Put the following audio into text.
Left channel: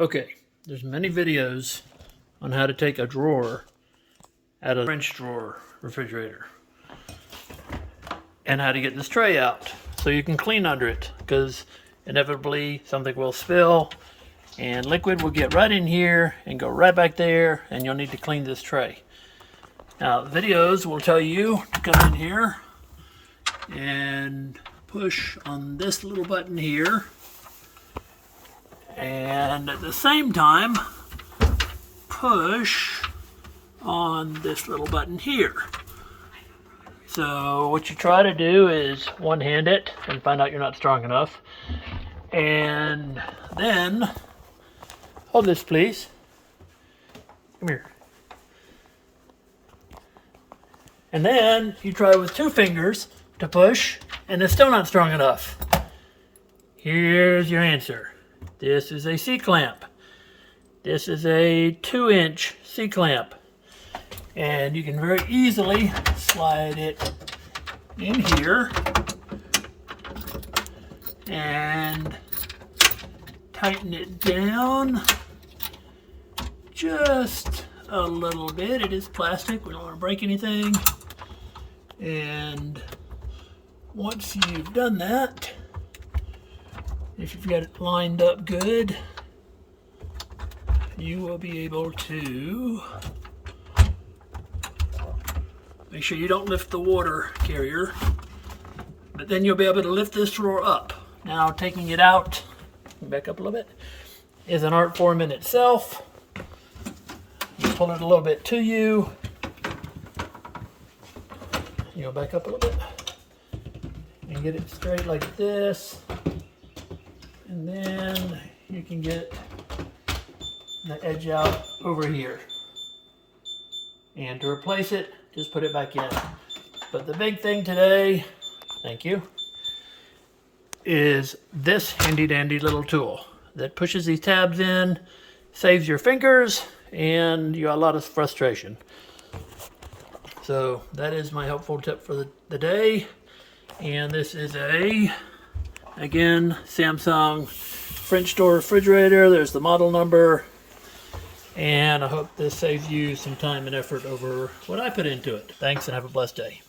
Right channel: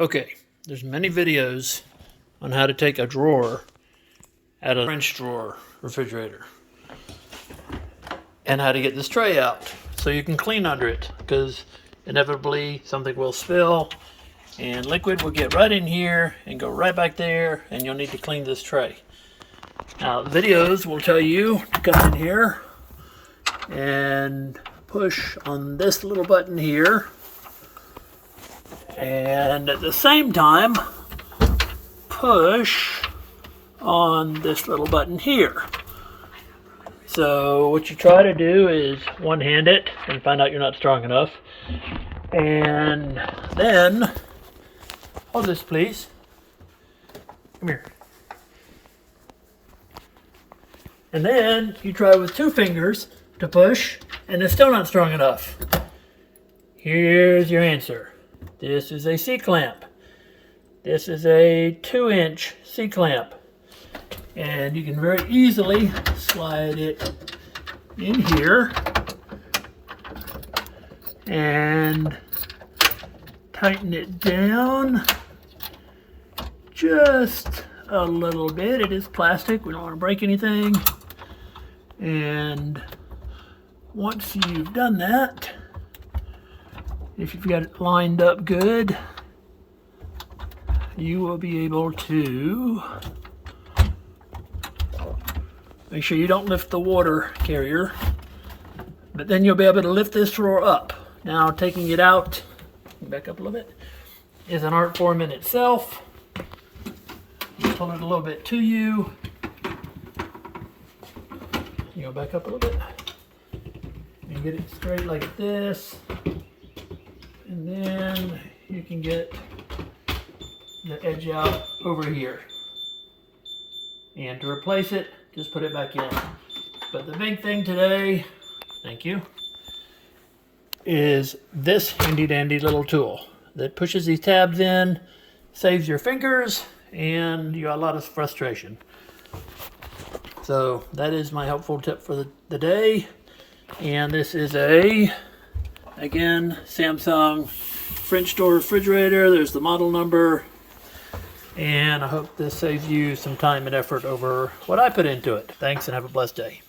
Okay, there's many videos on how to take a drawer out of a French drawer refrigerator and how to get this tray out so you can clean under it, because inevitably something will spill and liquid will get right in here and go right back there, and you'll need to clean this tray. Now, videos will tell you to come in here and push on this little button here, and at the same time push on this little button here. So what you try to do is one-hand it and find out you're not strong enough, and then hold this, please. Come here. And then you try with two fingers to push, and it's still not strong enough. Here's your answer. This is a C-clamp. This is a 2-inch C-clamp. And you can very easily slide it in here and tighten it down just a little bit. It is plastic, we don't want to break anything. And once you've done that, if you've got it lined up good, you will be able to make sure you don't lift the water carrier, but then you'll be able to lift this drawer up. Now, taking it out, back up a little bit, is an art form in itself. You pull it a little bit to you. You go back up a little bit and get it straight like this. And then you can get the edge out over here. And to replace it, just put it back in. But the big thing today, thank you, is this handy dandy little tool that pushes these tabs in, saves your fingers, and you got a lot of frustration. So that is my helpful tip for the day. And this is again, Samsung French door refrigerator. There's the model number. And I hope this saves you some time and effort over what I put into it. Thanks, and have a blessed day.